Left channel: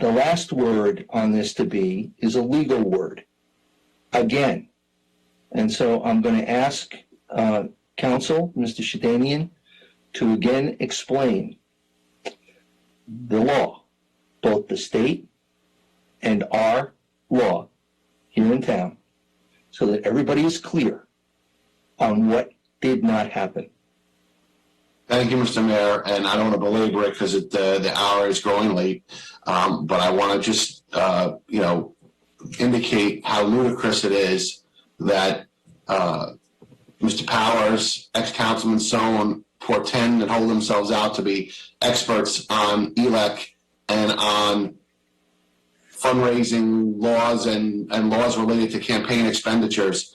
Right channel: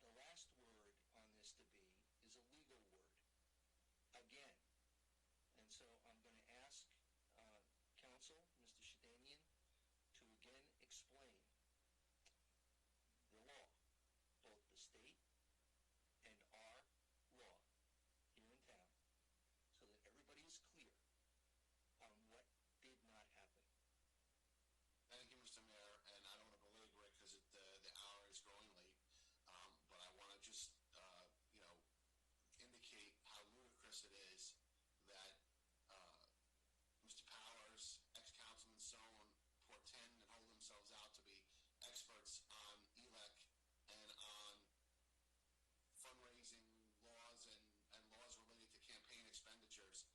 the last word on this to be is a legal word, again. And so I'm going to ask counsel, Mr. Shahdanian, to again explain the law, both the state and our law here in town, so that everybody is clear on what did not happen. Thank you, Mr. Mayor, and I don't want to belabor it because the hour is growing late, but I want to just, indicate how ludicrous it is that Mr. Powers, ex-Councilman Sohn, portend and hold themselves out to be experts on ELEC and on fundraising laws and laws related to campaign expenditures.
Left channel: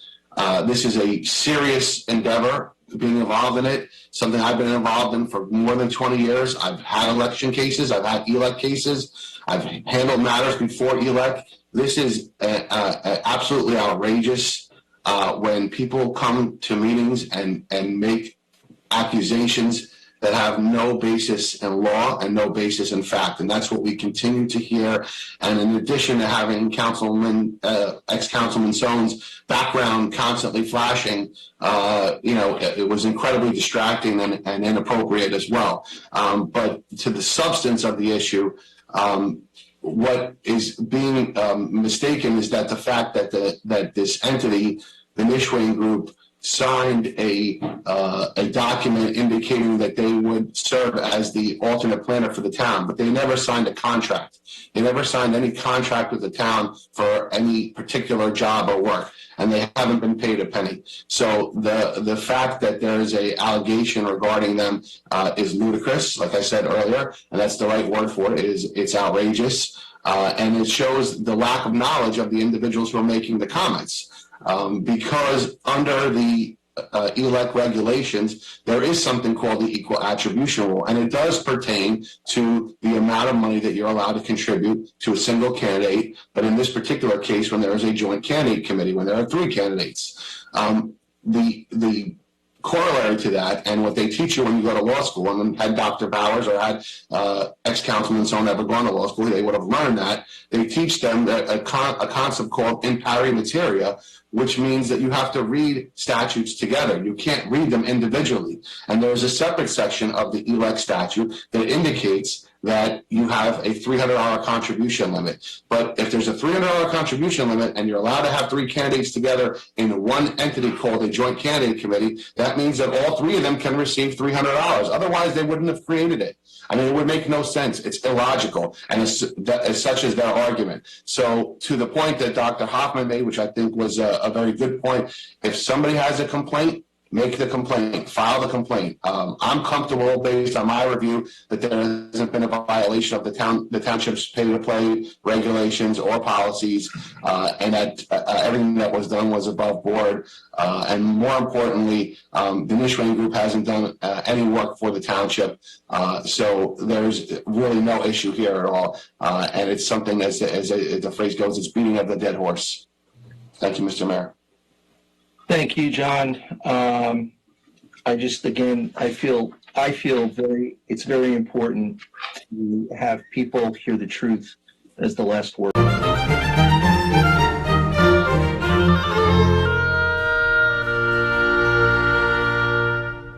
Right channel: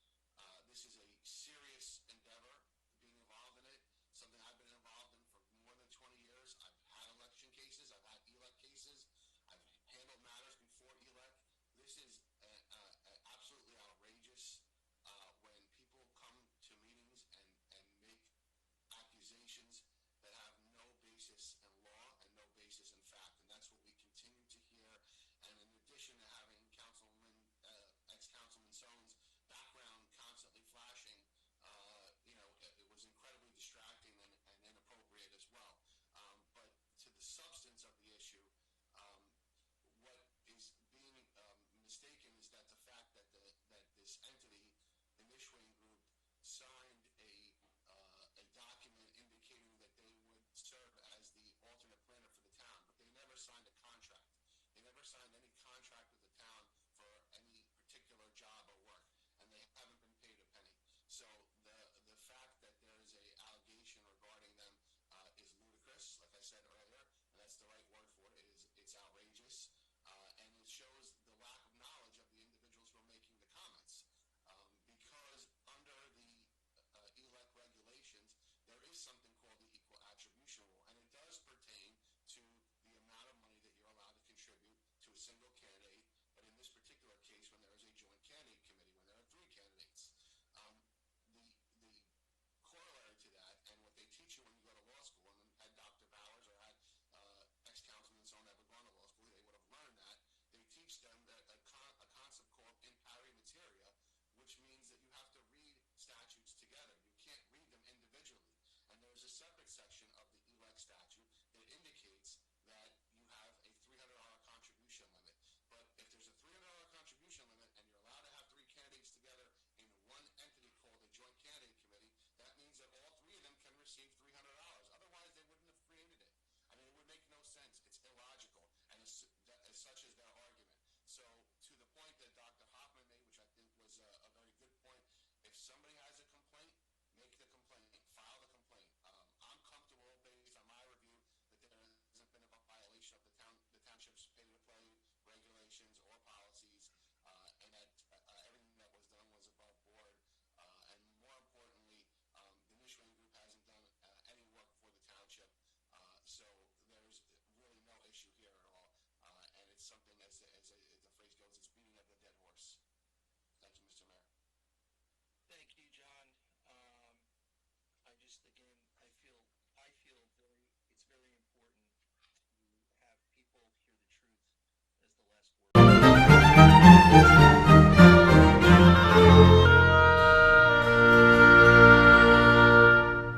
This is a serious endeavor, being involved in it, something I've been involved in for more than 20 years. I've had election cases, I've had ELEC cases, I've handled matters before ELEC. This is absolutely outrageous when people come to meetings and make accusations that have no basis in law and no basis in fact, and that's what we continue to hear. And in addition to having ex-Councilman Sohn's background constantly flashing, it was incredibly distracting and inappropriate as well. But to the substance of the issue, what is being mistaken is that the fact that this entity, the Nishuane Group, signed a document indicating that they would serve as the alternate planner for the town, but they never signed a contract. They never signed any contract with the town for any particular job or work, and they haven't been paid a penny. So the fact that there is a allegation regarding them is ludicrous, like I said earlier, and that's the right word for it. It's outrageous, and it shows the lack of knowledge of the individuals who are making the comments. Because under the ELEC regulations, there is something called the equal attribution rule, and it does pertain to the amount of money that you're allowed to contribute to a single candidate. But in this particular case, when there is a joint candidate committee, when there are 3 candidates, the corollary to that, and what they teach you when you go to law school, and had Dr. Powers or had ex-Councilman Sohn ever gone to law school, they would have learned that. They teach them a concept called in pari materia, which means that you have to read statutes together. You can't read them individually. And there's a separate section of the ELEC statute that indicates that you have a $300 contribution limit. But if there's a $300 contribution limit and you're allowed to have 3 candidates together in one entity called a joint candidate committee, that means that all 3 of them can receive $300. Otherwise, they wouldn't have created it. I mean, it would make no sense. It's illogical, and as such is their argument. So to the point that Dr. Hoffman made, which I think was a very good point, if somebody has a complaint, make the complaint, file the complaint. I'm comfortable based on my review that there hasn't been a violation of the township's pay-to-play regulations or policies, and that everything that was done was above board. And more importantly, the Nishuane Group hasn't done any work for the township, so there's really no issue here at all. And it's something, as the phrase goes, it's beating of the dead horse. Thank you, Mr. Mayor. Thank you, John. I feel it's very important to have people hear the truth as the last word.